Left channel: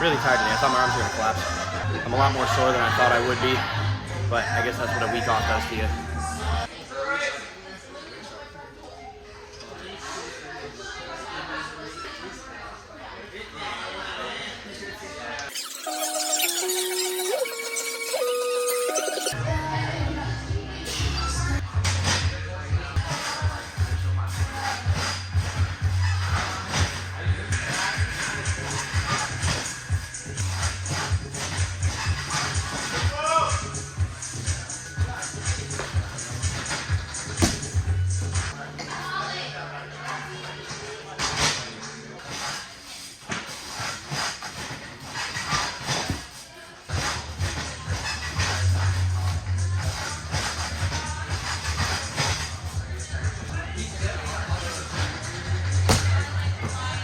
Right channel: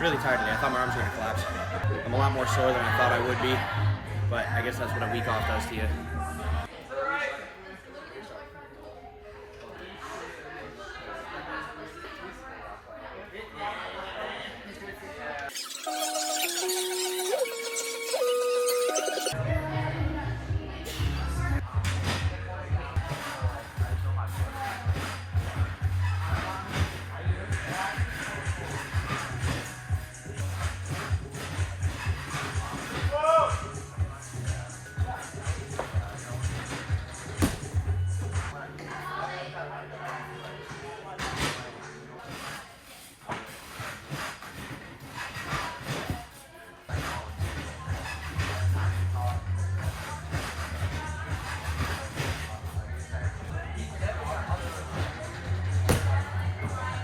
Really tired today. I thought my arms were gonna collapse. I'm a lot more sore than I thought I would be, but I guess that's what a week off does to you.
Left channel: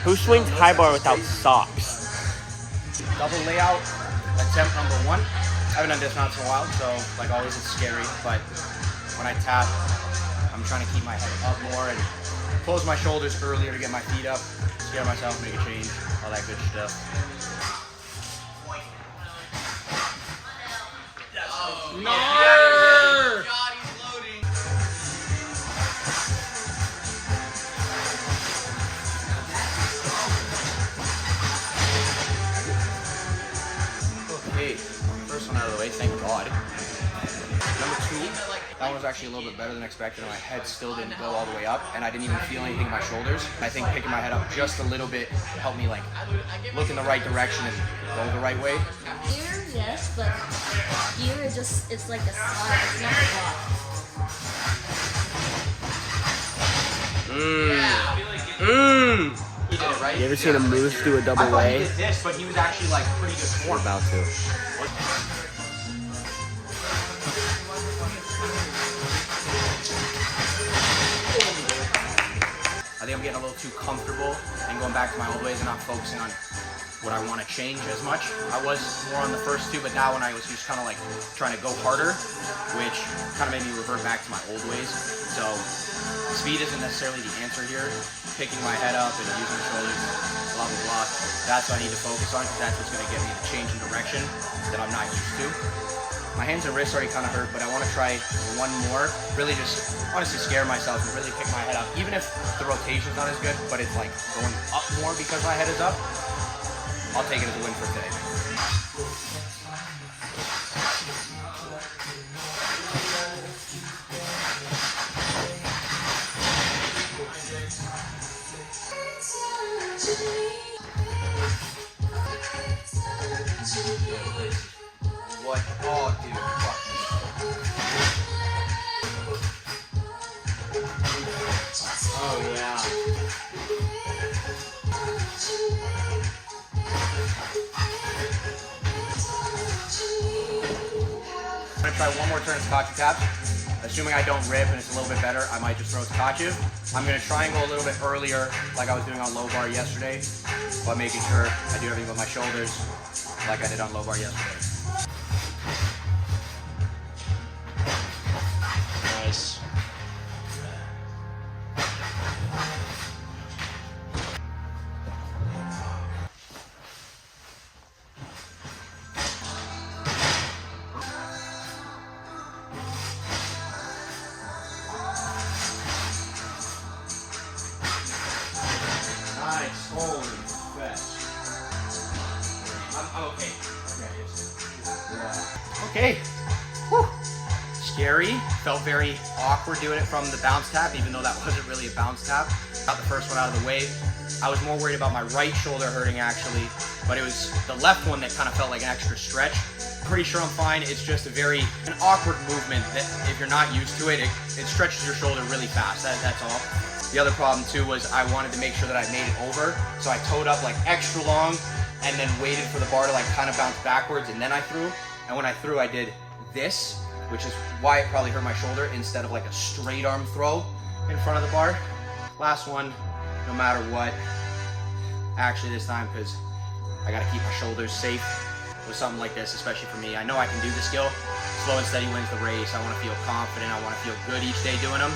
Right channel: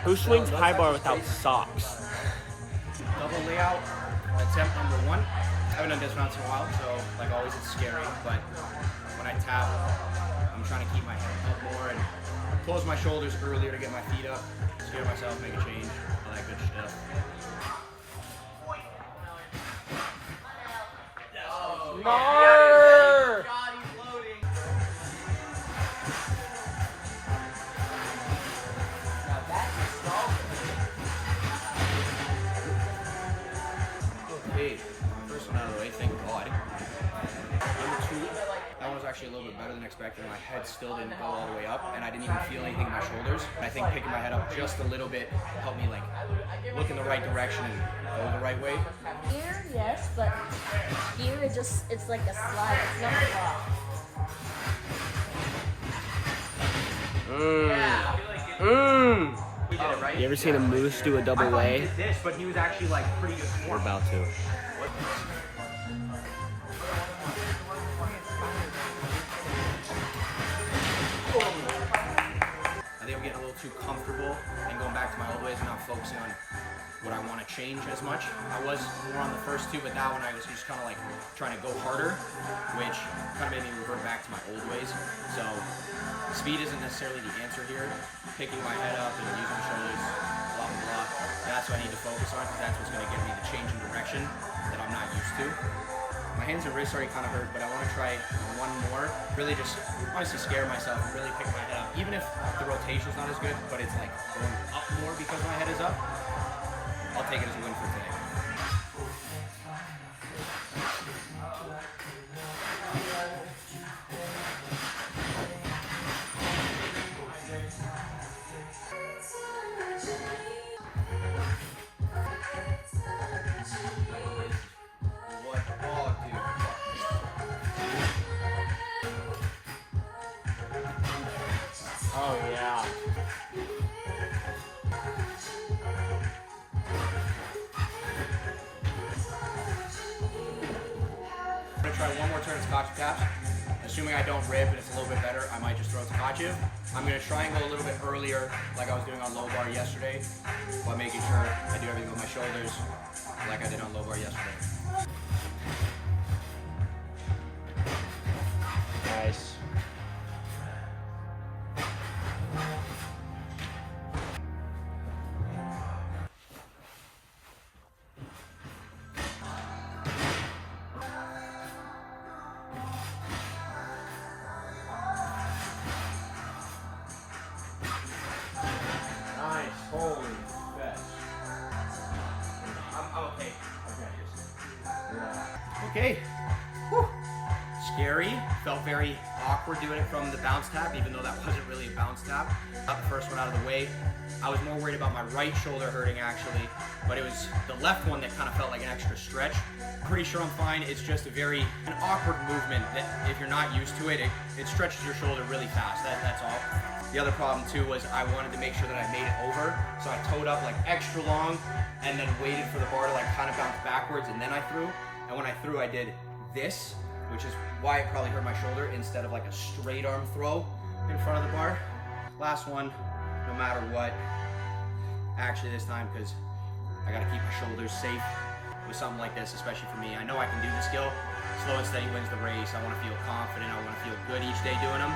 Who swings high bar without socks? Double layout, attempt number 1. I haven't done dismounts in a while, so like always it's scary, but when I tap, I'm trying to keep my head up more and close my shoulders earlier to get my feet up, scare myself, make a change, all that good stuff. Okay, first one out of the way, thank God. Number 2, that one was actually a little bit better than expected, and my head still didn't go all the way up, and I didn't even feel anything in my shoulders. I think picking my head up just a little bit helped me like look in the right direction and go the right way. Here, yes, but here it's like a slide, it's not a pop. Oh, right? You ever seen a moose do a double I thought he lay? did this, but he was actually like pretty good We're form. about to. I think I'm getting a little too comfortable and going back to my old ways and not focusing on what I want to change as much. I was more on the first 2, but that one I was just kind of like trying to go harder, which kind of made me revert back to my old ways. So speed isn't necessarily the answer here. Picking my head up and using my shoulders, blah, blah, blah. That's what I need to focus on because that's what's going to get me the change in direction that I'm not used to. My hands and wrists already kind of hurt, but I want to try one more. Really just honestly scare myself and really pick my head up. Even if the rotation's not as good, but it's like going up more because my head is up, I'll take it as a win for today. What? Oh, dude, fuck me. Oh, yeah. I'm gonna try one more turn of Tkatchev taps. Assuming I don't rip and it's a little bit better, I might just throw Tkatchev. I'm gonna try and go a little bit earlier, like I was doing on low bar yesterday, but making sure I do everything with my shoulders, like I did on low bar yesterday. Nice. Nice, holy fetch. I'm okay. Okay. Whew. Scary. Felt very awkward doing it from the bounce tap, even though that wasn't really a bounce tap. Got the first one out of the way. I was more worried about my right shoulder hurting actually, but it was the left one that kind of felt like an extra stretch. Pretty sure I'm fine. It's just an awkward movement that if you're not used to it, it stretches your shoulder really fast. That's all. The other problem too was I wanted to make sure that I made it over, so I towed up like extra long and then waited for the bar to like kind of bounce backwards and then I threw. And when I threw, I did this, which is why it probably hurt my shoulder instead of like a straight arm throw in front of the bar. Last one, no matter what. Actually this time, because I gotta keep my shoulders safe with something like this, especially for me. I know I can do the skill. Slow and steady wins the race. I want to feel confident. I want to feel good each day doing them.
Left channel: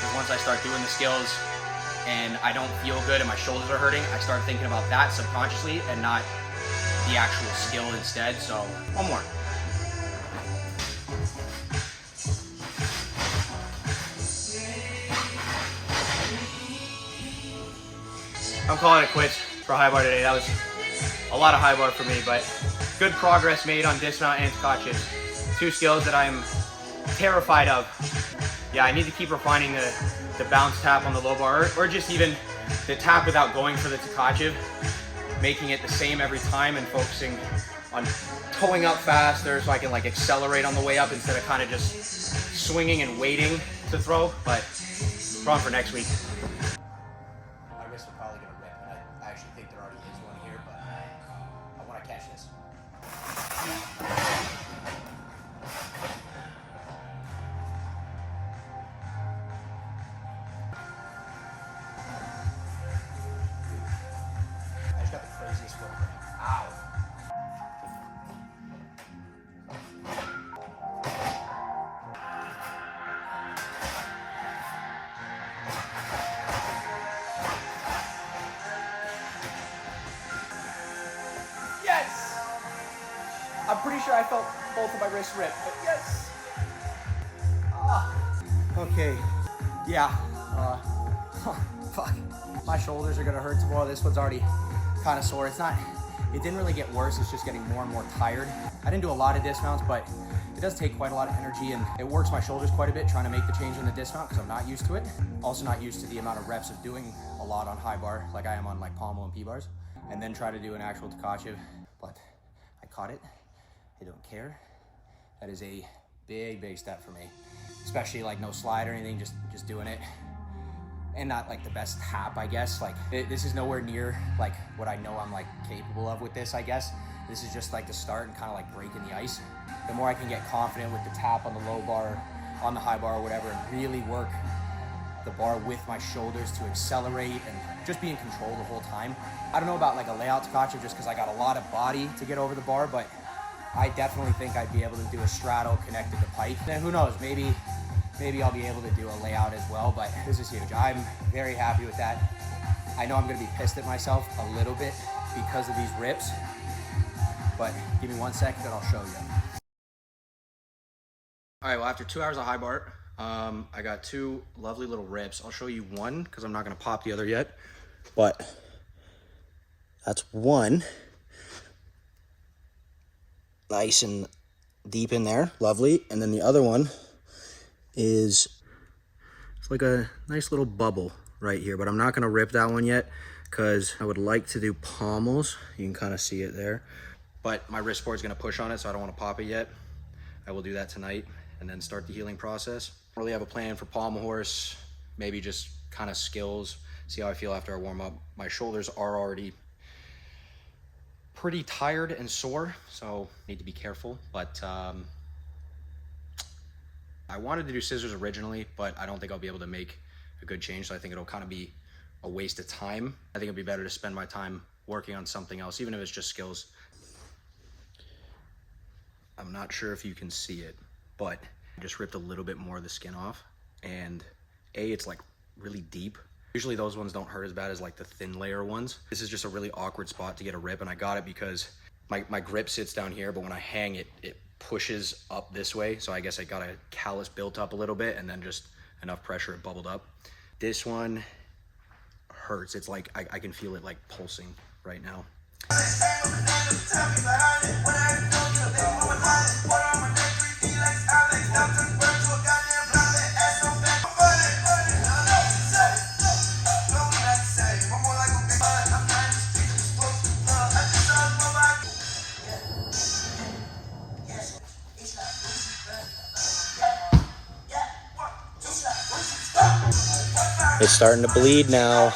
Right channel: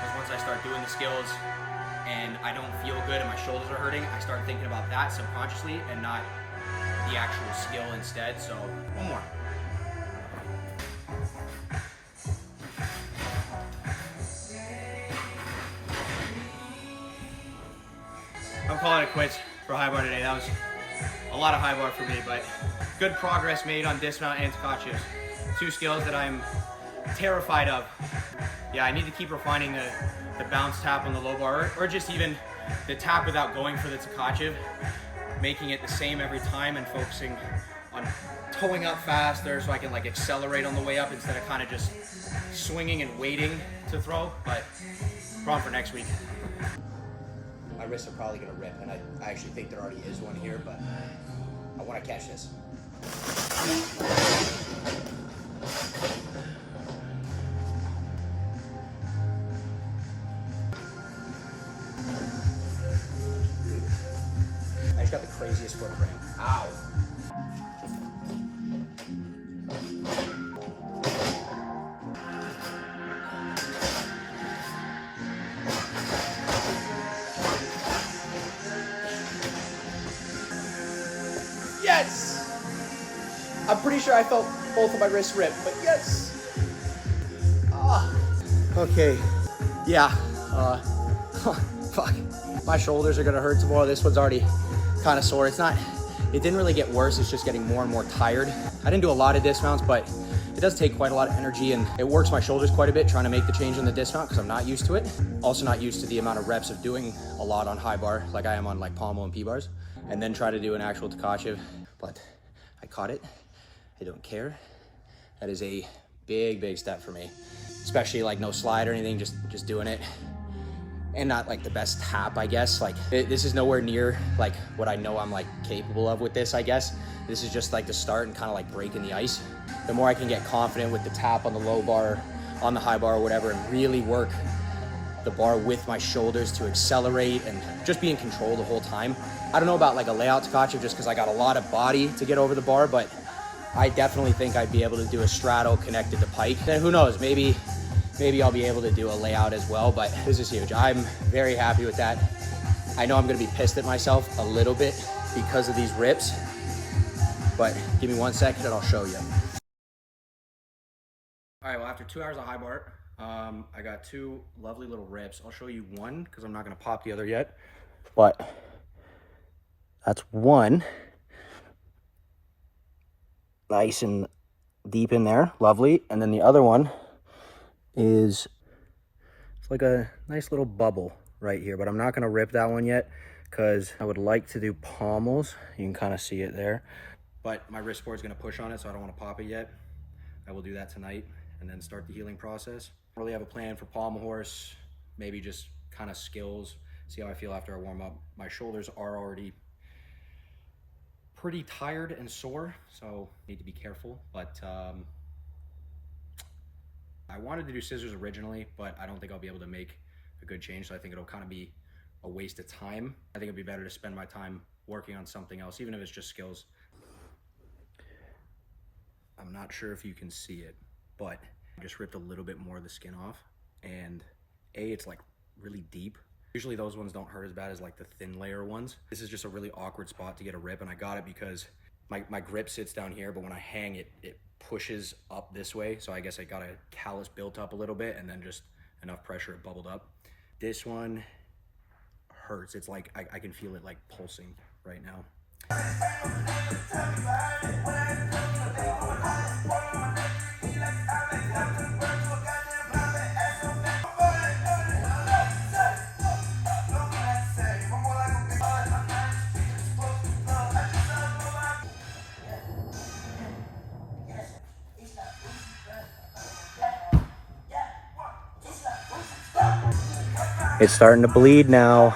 Because once I start doing the skills and I don't feel good and my shoulders are hurting, I start thinking about that subconsciously and not the actual skill instead. So one more. I'm calling it quits for high bar today. That was a lot of high bar for me, but good progress made on dismount and Tkatchev. Two skills that I'm terrified of. Yeah, I need to keep refining the bounce tap on the low bar, or just even the tap without going for the Tkatchev, making it the same every time and focusing on towing up faster so I can like accelerate on the way up instead of kind of just swinging and waiting to throw. But problem for next week. My wrists are probably gonna rip, and I actually think there already is one here, but I want to catch this. I just got the craziest foot cramp. Ow. Yes! I'm pretty sure I felt both of my wrists rip, but yes! Okay, yeah, fuck. My shoulders are gonna hurt tomorrow. This one's already kind of sore. It didn't really get worse, it's just getting more and more tired. I didn't do a lot of dismounts, but it does take quite a lot of energy, and it works my shoulders quite a bit trying to make the change on the dismount because I'm not used to it. Also not used to the amount of reps of doing a lot on high bar like I am on like Pommel and P-bars, and then try to do an actual Tkatchev. But I caught it. I don't care. That is a big step for me, especially like no slide or anything, just doing it. And not like the best tap, I guess. Like this is nowhere near like what I know I'm like capable of with this, I guess. This is just like the start and kind of like breaking the ice. The more I can get confident with the tap on the low bar, on the high bar or whatever, and really work the bar with my shoulders to accelerate and just be in control the whole time. I don't know about like a layout Tkatchev just because I got a lot of body to get over the bar, but I definitely think I'd be able to do a straddle connected to pike. And who knows, maybe I'll be able to do a layout as well, but this is huge. I'm very happy with that. I know I'm gonna be pissed at myself a little bit because of these rips, but give me 1 second and I'll show you. All right, well, after 2 hours of high bar, I got two lovely little rips. I'll show you one because I'm not gonna pop the other yet, but that's one. Nice and deep in there, lovely. And then the other one is, it's like a nice little bubble right here, but I'm not gonna rip that one yet because I would like to do pommels. You can kind of see it there, but my wrist board's gonna push on it, so I don't want to pop it yet. I will do that tonight and then start the healing process. I don't really have a plan for pommel horse, maybe just kind of skills, see how I feel after I warm up. My shoulders are already pretty tired and sore, so need to be careful, but I wanted to do scissors originally, but I don't think I'll be able to make a good change, so I think it'll kind of be a waste of time. I think it'd be better to spend my time working on something else, even if it's just skills. I'm not sure if you can see it, but I just ripped a little bit more of the skin off, and it's like really deep. Usually those ones don't hurt as bad as like the thin layer ones. This is just a really awkward spot to get a rip, and I got it because my grip sits down here, but when I hang it, it pushes up this way. So I guess I got a callus built up a little bit and then just enough pressure it bubbled up. This one hurts. It's like, I can feel it like pulsing right now. It's starting to bleed now.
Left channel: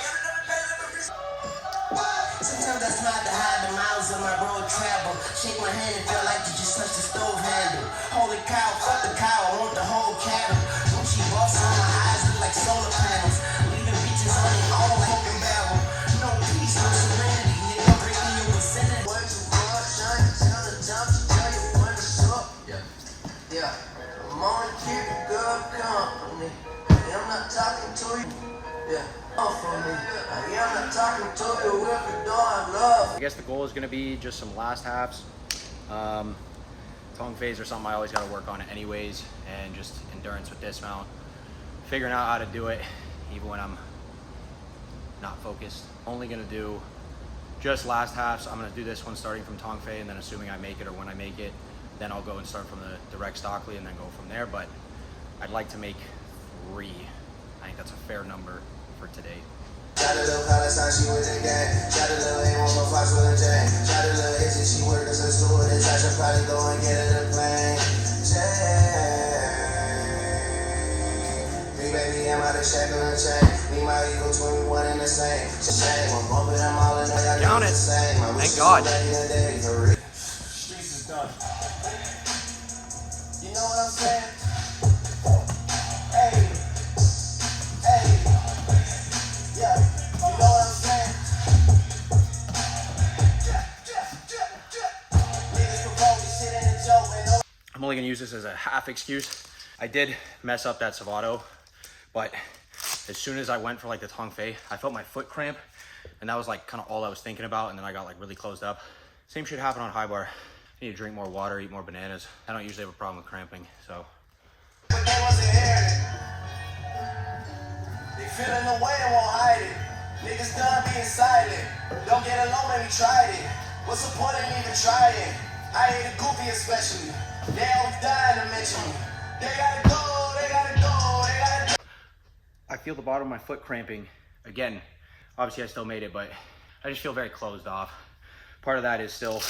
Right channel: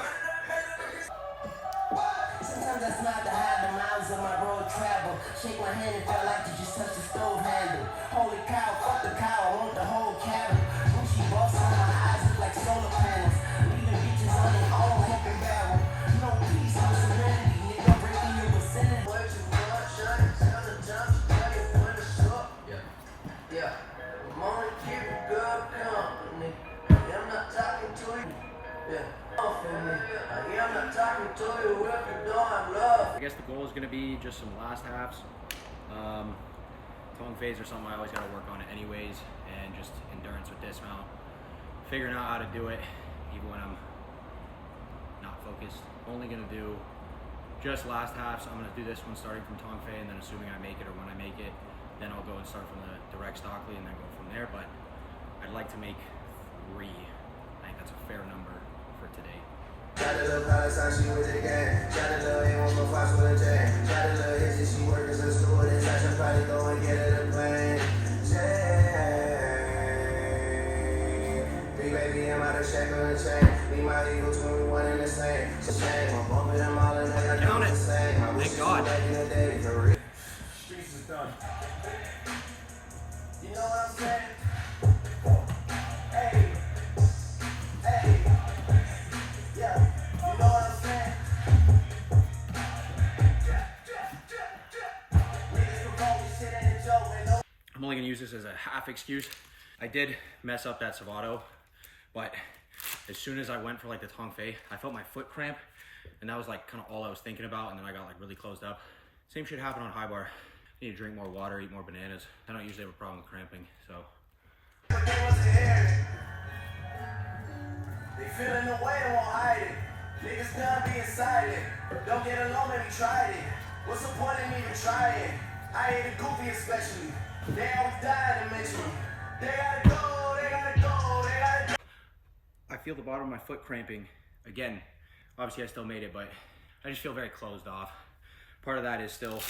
I am not talking to you if you don't have love I guess the goal is gonna be just some last halves. Tongue phase or something I always gotta work on it anyways, and just endurance with dismount. Figuring out how to do it even when I'm not focused. Only gonna do just last halves. I'm gonna do this one starting from Tong Fei, and then assuming I make it or when I make it, then I'll go and start from the direct Stockley and then go from there. But I'd like to make 3. I think that's a fair number for today. Count it. Thank God. Streets is done. You know what I'm saying? Hey, hey, yeah. You know what I'm saying? I'm only gonna use this as a half excuse. I did mess up that Savato, but as soon as I went for like the Tong Fei, I felt my foot cramp, and that was like kind of all I was thinking about, and then I got like really closed up. Same shit happened on high bar. I need to drink more water, eat more bananas. I don't usually have a problem with cramping, so. But they wasn't hearing it. They feeling the way and won't hide it. Niggas done being silent. Don't get along, maybe tried it. What's the point of even trying? I hate a goofy especially. They always dying to mention me. They gotta go, they gotta go, they gotta go. I feel the bottom of my foot cramping again. Obviously I still made it, but I just feel very closed off. Part of that is still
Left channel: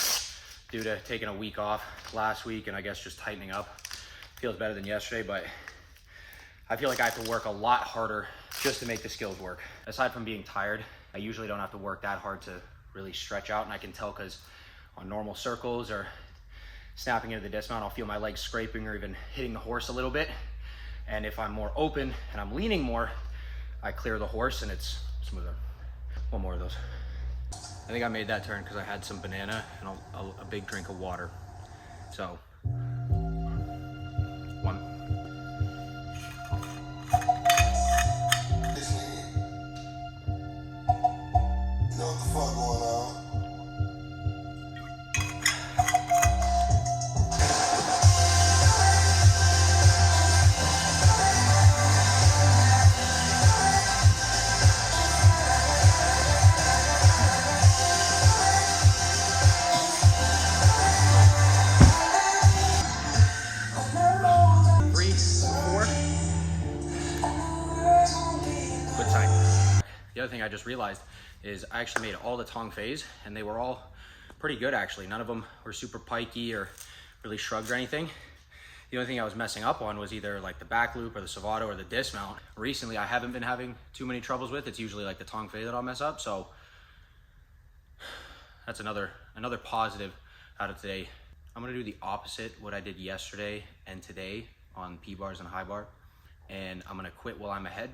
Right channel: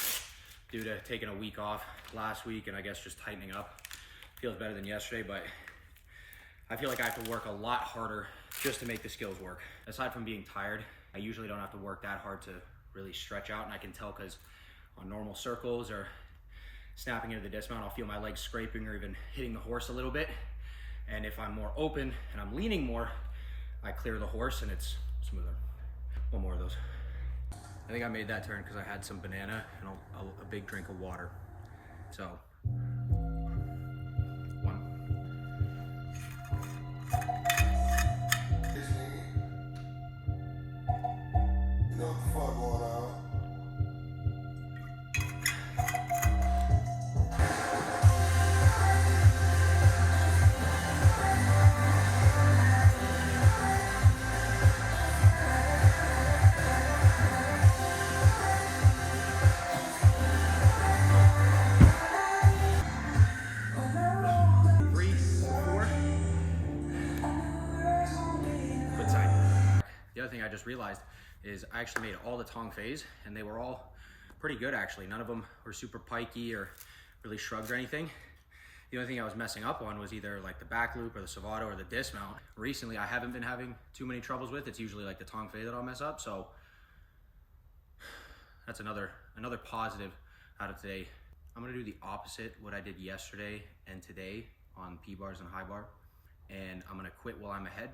due to taking a week off last week, and I guess just tightening up. Feels better than yesterday, but I feel like I have to work a lot harder just to make the skills work. Aside from being tired, I usually don't have to work that hard to really stretch out, and I can tell because on normal circles or snapping into the dismount, I'll feel my legs scraping or even hitting the horse a little bit. And if I'm more open and I'm leaning more, I clear the horse and it's smoother. One more of those. I think I made that turn because I had some banana and a big drink of water. So, 1. You know what the fuck going on? The other thing I just realized is I actually made all the Tong Feis, and they were all pretty good actually. None of them were super pikey or really shrugged or anything. The only thing I was messing up on was either like the back loop or the Savato or the dismount. Recently, I haven't been having too many troubles with. It's usually like the Tong Fei that I'll mess up. So that's another positive out of today. I'm gonna do the opposite what I did yesterday and today on P-bars and high bar. And I'm gonna quit while I'm ahead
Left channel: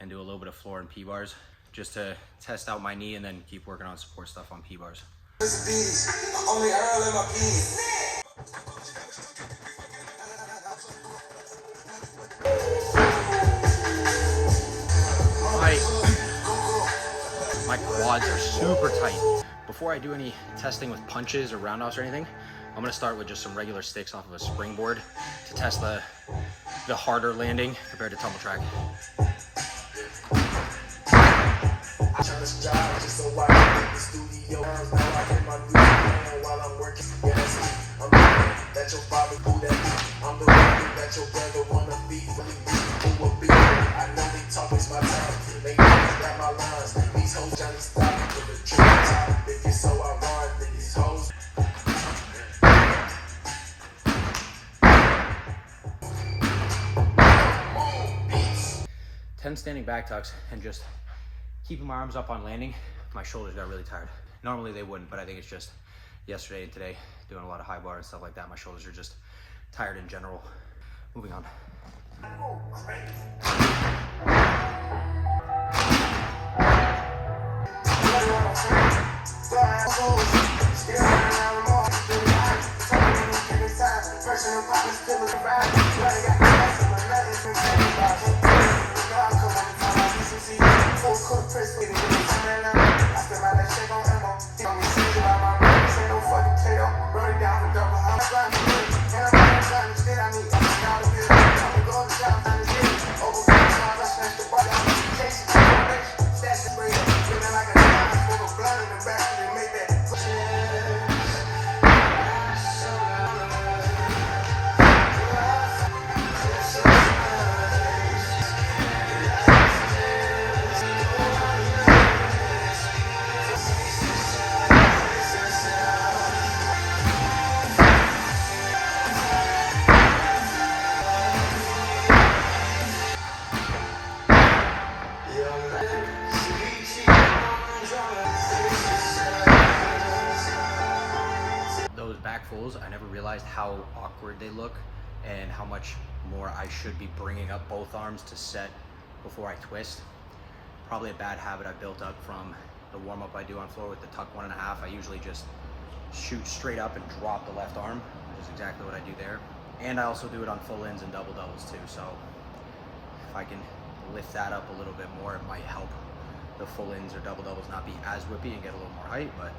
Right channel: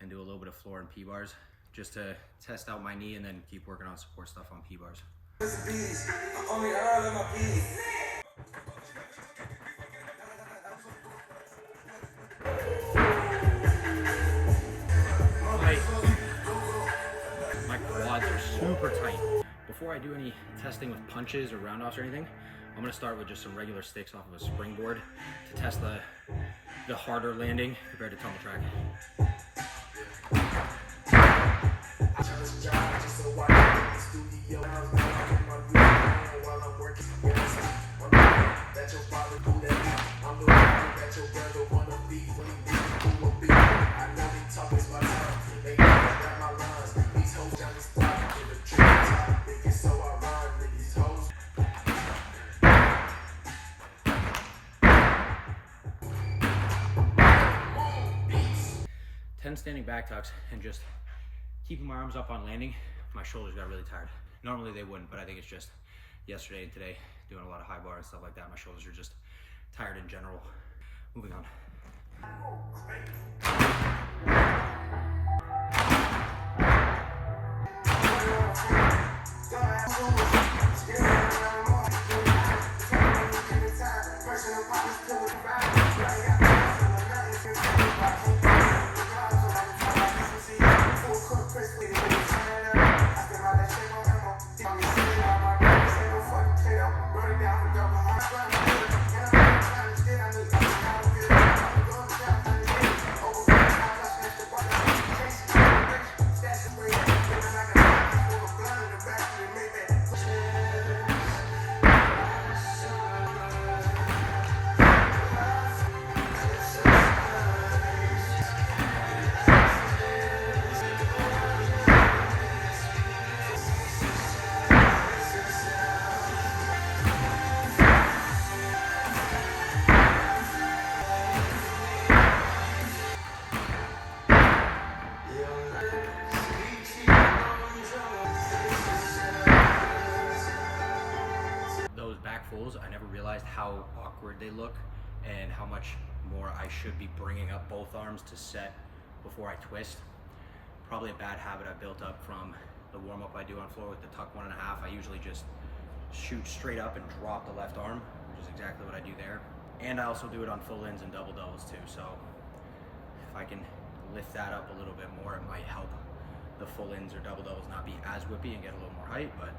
and do a little bit of floor and P-bars just to test out my knee and then keep working on support stuff on P-bars. Only Earl in my peas. My quads are super tight. Before I do any testing with punches or roundhouse or anything, I'm gonna start with just some regular sticks off of a springboard to test the harder landing compared to tumble track. Standing back tucks and just keeping my arms up on landing, my shoulders got really tired. Normally they wouldn't, but I think it's just yesterday and today doing a lot of high bar and stuff like that. My shoulders are just tired in general. Moving on. back fulls, I never realized how awkward they look and how much more I should be bringing up both arms to set before I twist. Probably a bad habit I built up from the warm-up I do on floor with the tuck 1.5. I usually just shoot straight up and drop the left arm, which is exactly what I do there. And I also do it on full ins and double doubles too. So if I can lift that up a little bit more, it might help the full ins or double doubles not be as whippy and get a little more height. But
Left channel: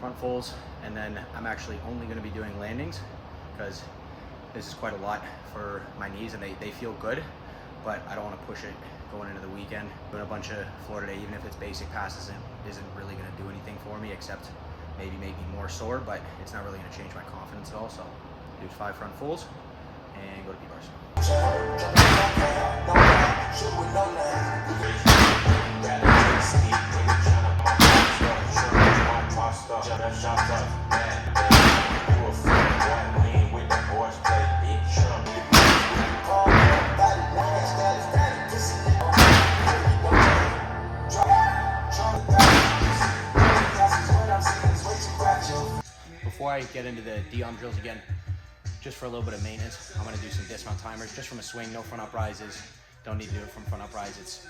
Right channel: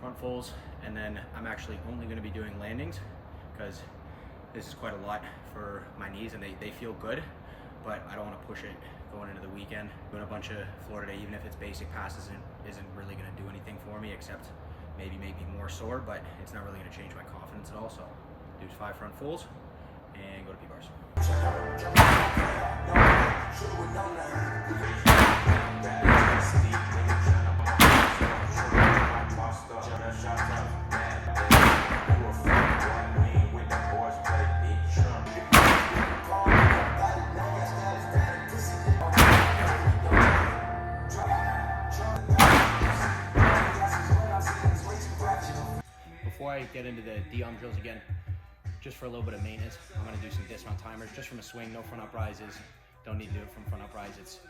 front fulls, and then I'm actually only going to be doing landings because this is quite a lot for my knees, and they feel good, but I don't want to push it going into the weekend. Doing a bunch of floor today, even if it's basic passes, isn't really going to do anything for me except maybe make me more sore, but it's not really going to change my confidence at all. So do 5 front fulls and go to P-bars. Before I get into the D-arm drills again, just for a little bit of maintenance, I'm gonna do some dismount timers just from a swing, no front uprises. Don't need to do it from front uprise. It's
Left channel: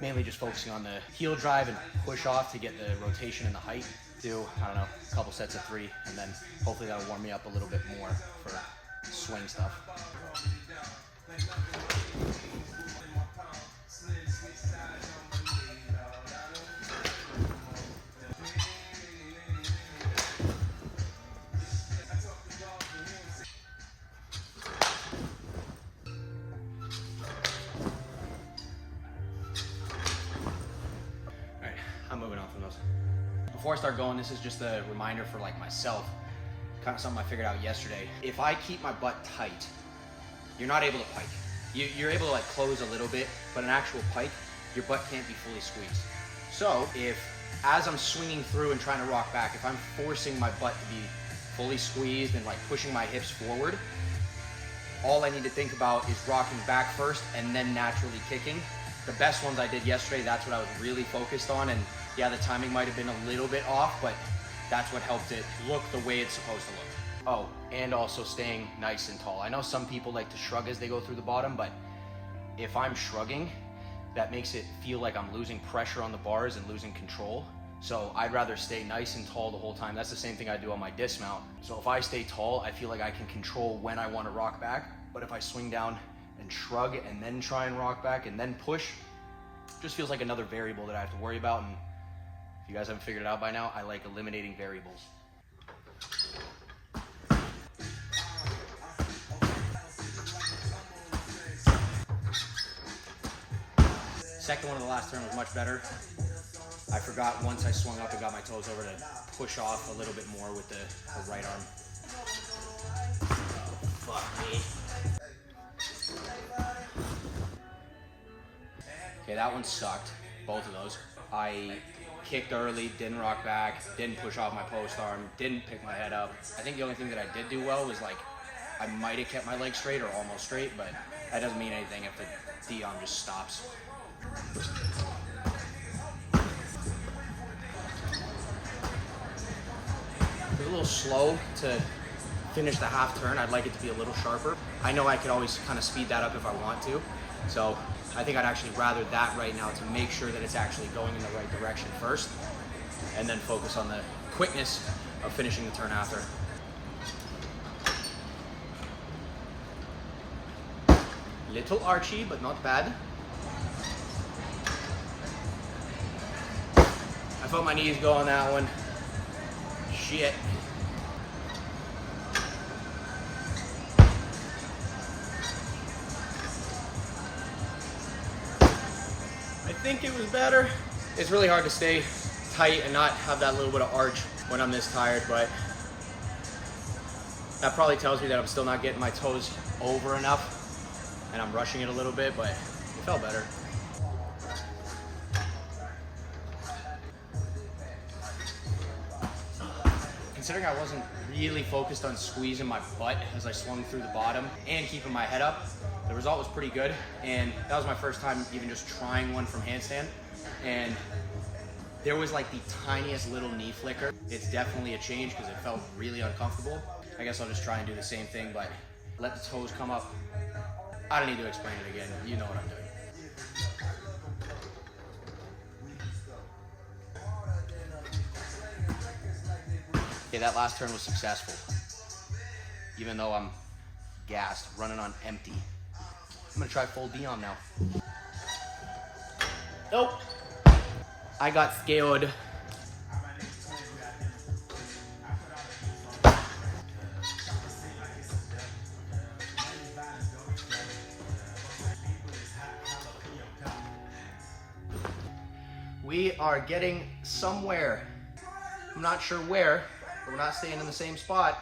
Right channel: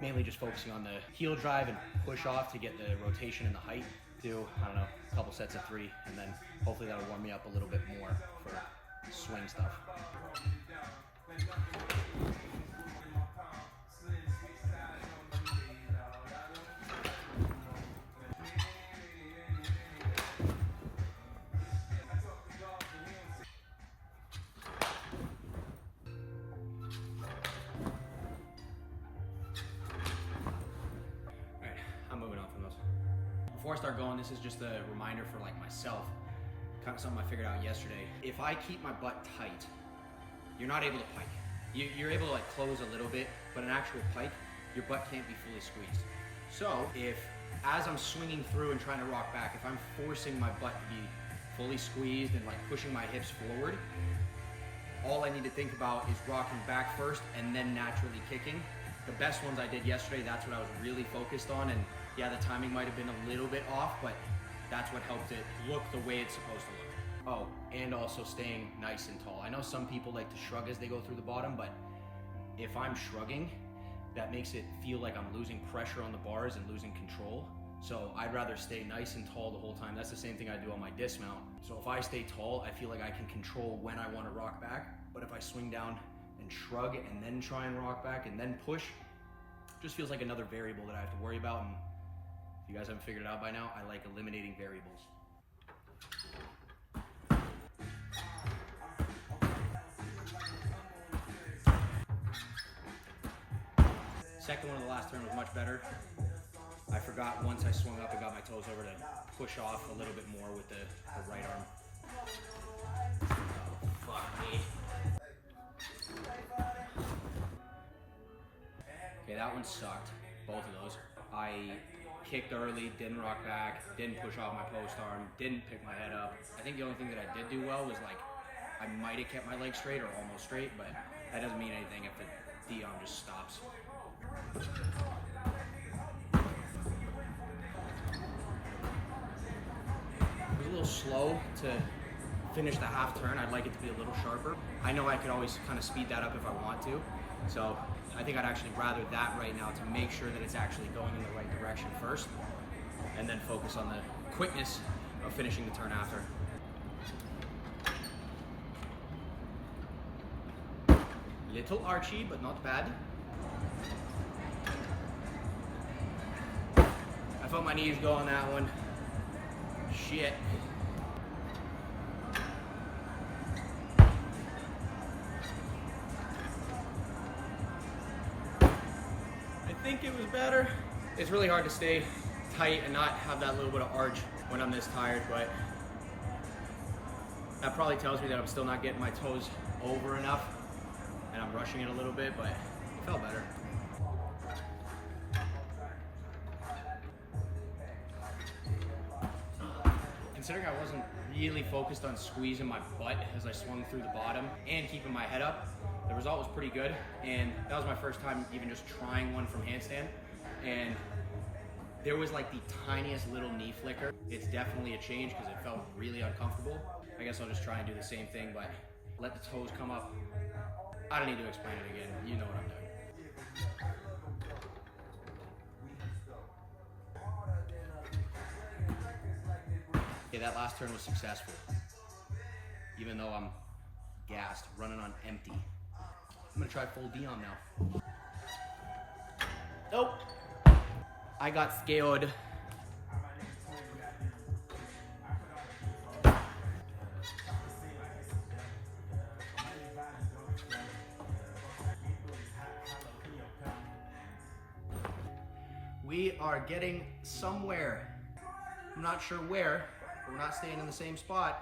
mainly just focusing on the heel drive and push off to get the rotation and the height. Do, I don't know, a couple sets of 3, and then hopefully that'll warm me up a little bit more for swing stuff. I'm moving on from those. Before I start going, this is just a reminder for like myself, kind of something I figured out yesterday. If I keep my butt tight, you're not able to pike. You're able to like close a little bit, but an actual pike, your butt can't be fully squeezed. So if, as I'm swinging through and trying to rock back, if I'm forcing my butt to be fully squeezed and like pushing my hips forward, all I need to think about is rocking back first and then naturally kicking. The best ones I did yesterday, that's what I was really focused on, and yeah, the timing might have been a little bit off, but that's what helped it look the way it's supposed to look. Oh, and also staying nice and tall. I know some people like to shrug as they go through the bottom, but if I'm shrugging, that makes it feel like I'm losing pressure on the bars and losing control. So I'd rather stay nice and tall the whole time. That's the same thing I do on my dismount. So if I stay tall, I feel like I can control when I want to rock back, but if I swing down and shrug and then try and rock back and then push, just feels like another variable that I have to worry about. And if you guys haven't figured it out by now, I like eliminating variables. Second one of the last turn was much better. I forgot once I swung up and got my toes over to push off a little bit more with the right arm. Oh, fuck me. Okay, that one sucked, both of those. I kicked early, didn't rock back, didn't push off my post arm, didn't pick my head up. I think the only thing that I did do well was like, I might have kept my leg straight or almost straight, but that doesn't mean anything if the D-arm just stops. It was a little slow to finish the half turn. I'd like it to be a little sharper. I know I could always kind of speed that up if I want to. So I think I'd actually rather that right now to make sure that it's actually going in the right direction first, and then focus on the quickness of finishing the turn after. Little archy, but not bad. I felt my knees go on that one. Shit. I think it was better. It's really hard to stay tight and not have that little bit of arch when I'm this tired, but that probably tells me that I'm still not getting my toes over enough and I'm rushing it a little bit, but it felt better. Considering I wasn't really focused on squeezing my butt as I swung through the bottom and keeping my head up, the result was pretty good. And that was my first time even just trying one from handstand. And there was like the tiniest little knee flicker. It's definitely a change because it felt really uncomfortable. I guess I'll just try and do the same thing, but let the toes come up. I don't need to explain it again. You know what I'm doing. Okay, that last turn was successful. Even though I'm gassed, running on empty. I'm gonna try full Dion now. Nope. I got scared. We are getting somewhere. I'm not sure where, but we're not staying in the same spot.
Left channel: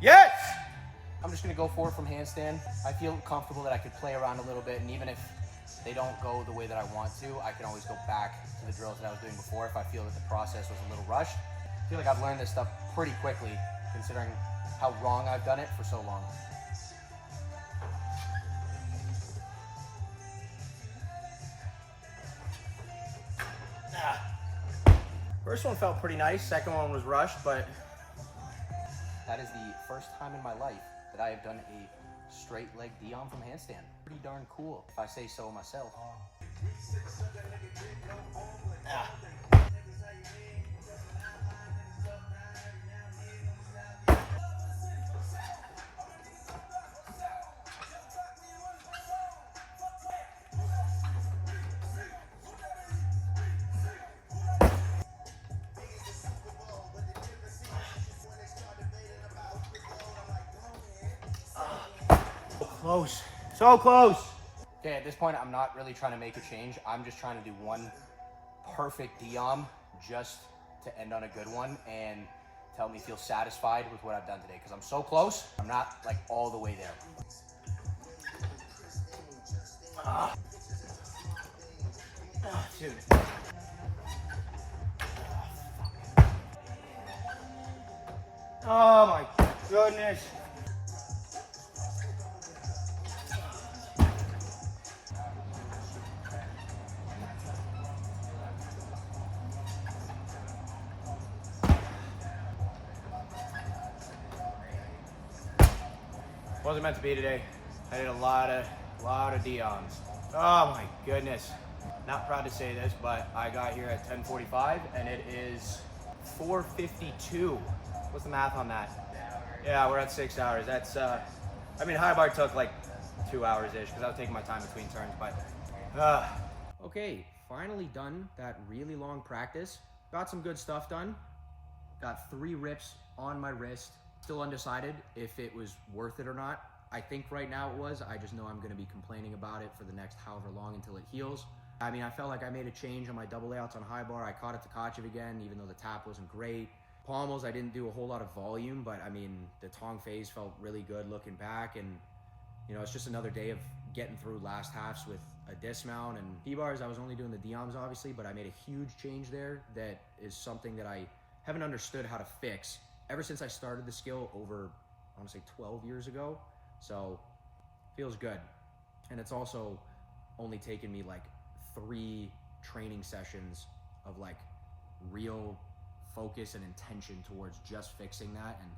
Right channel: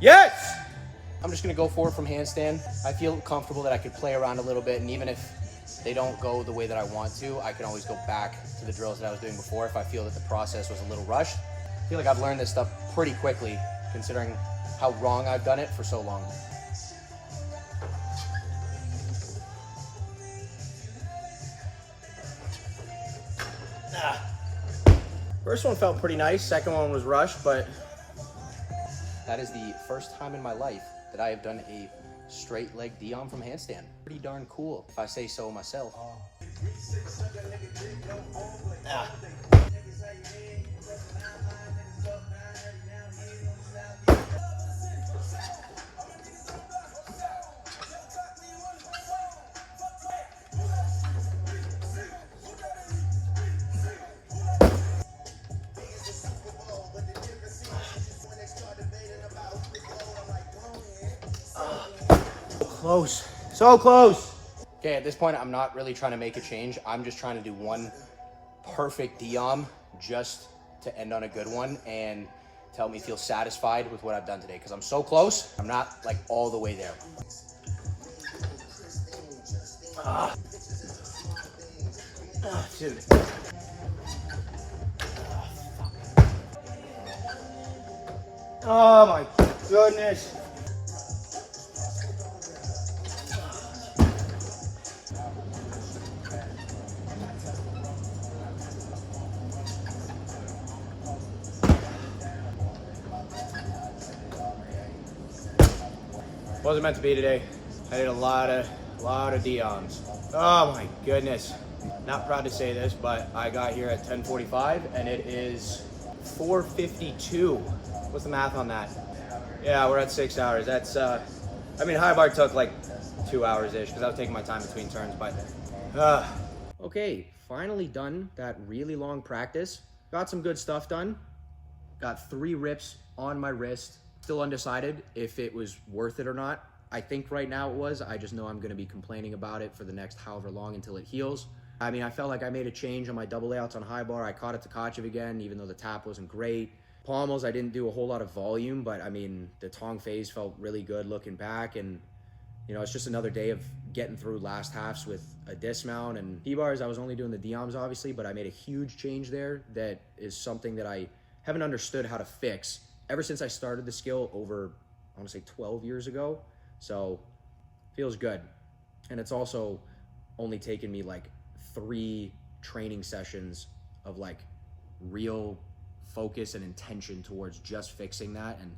Yes! I'm just gonna go forward from handstand. I feel comfortable that I could play around a little bit, and even if they don't go the way that I want to, I can always go back to the drills that I was doing before if I feel that the process was a little rushed. I feel like I've learned this stuff pretty quickly, considering how wrong I've done it for so long. First one felt pretty nice, second one was rushed, but that is the first time in my life that I have done a straight leg Dion from handstand. Pretty darn cool, if I say so myself. Close, so close. Okay, at this point, I'm not really trying to make a change. I'm just trying to do one perfect Dion just to end on a good one and to help me feel satisfied with what I've done today. Because I'm so close, I'm not like all the way there. Dude. Oh my goodness. Wasn't meant to be today. I did a lot of Dions. Oh my goodness. Not proud to say this, but I got here at 10:45 and it is 4:52. What's the math on that? Yeah, we're at 6 hours. That's, I mean, high bar took like 2 hours-ish because I was taking my time between turns, but, Okay, finally done that really long practice. Got some good stuff done. Got 3 rips on my wrist. Still undecided if it was worth it or not. I think right now it was. I just know I'm going to be complaining about it for the next however long until it heals. I mean, I felt like I made a change on my double layouts on high bar. I caught it Tkatchev again, even though the tap wasn't great. Pommels, I didn't do a whole lot of volume, but I mean, the tong phase felt really good looking back. And, you know, it's just another day of getting through last halves with a dismount. And P-bars, I was only doing the Dioms, obviously, but I made a huge change there that is something that I haven't understood how to fix ever since I started the skill over, I want to say 12 years ago. So feels good. And it's also only taken me like 3 training sessions of like real focus and intention towards just fixing that and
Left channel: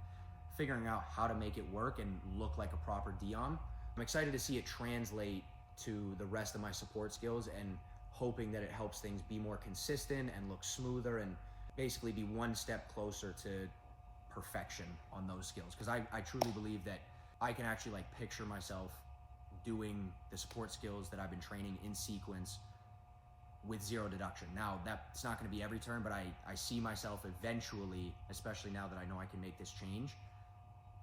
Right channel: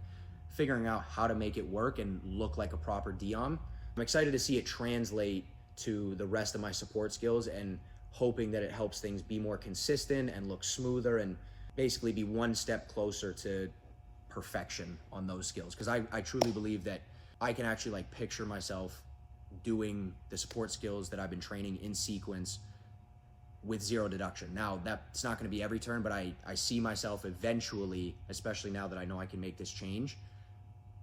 figuring out how to make it work and look like a proper Dion. I'm excited to see it translate to the rest of my support skills and hoping that it helps things be more consistent and look smoother and basically be one step closer to perfection on those skills. Because I truly believe that I can actually like picture myself doing the support skills that I've been training in sequence with zero deduction. Now, that's not going to be every turn, but I see myself eventually, especially now that I know I can make this change,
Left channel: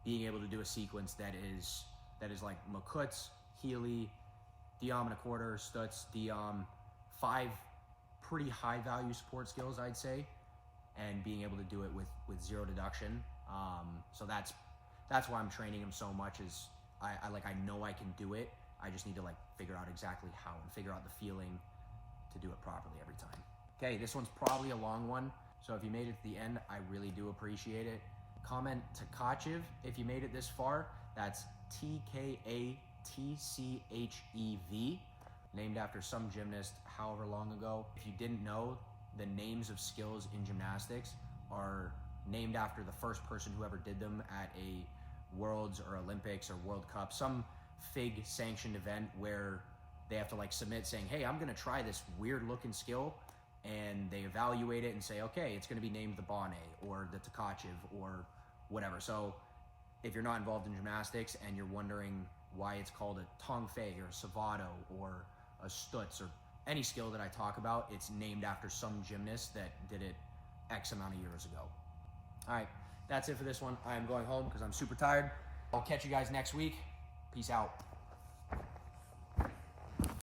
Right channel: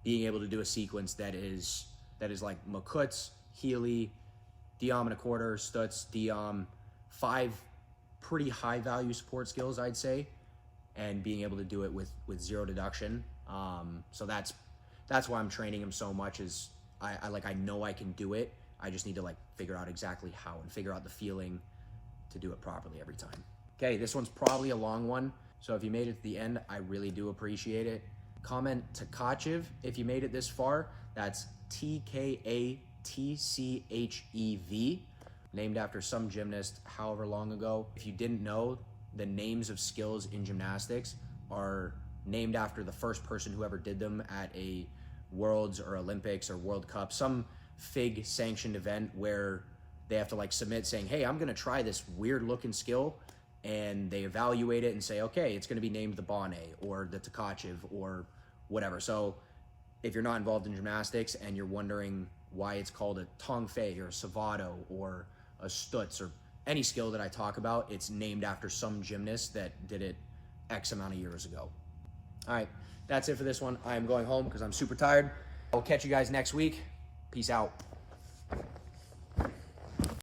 being able to do a sequence that is like Makut's, Healy, Diom and a quarter, Stutz, Diom, 5 pretty high value support skills, I'd say, and being able to do it with zero deduction. So that's why I'm training him so much, is I know I can do it. I just need to like figure out exactly how and figure out the feeling to do it properly every time. Okay, this one's probably a long one. So if you made it to the end, I really do appreciate it. Comment Tkatchev if you made it this far. That's Tkatchev, named after some gymnast however long ago. If you didn't know, the names of skills in gymnastics are named after the first person who ever did them at a Worlds or Olympics or World Cup, some FIG sanctioned event where they have to like submit saying, hey, I'm gonna try this weird looking skill, and they evaluate it and say, okay, it's gonna be named the Bonnay or the Tkatchev or whatever. So if you're not involved in gymnastics and you're wondering why it's called a Tong Fei or a Savato or a Stutz or any skill that I talk about, it's named after some gymnast that did it X amount of years ago. All right, that's it for this one. I'm going home because I'm super tired. I'll catch you guys next week. Peace out.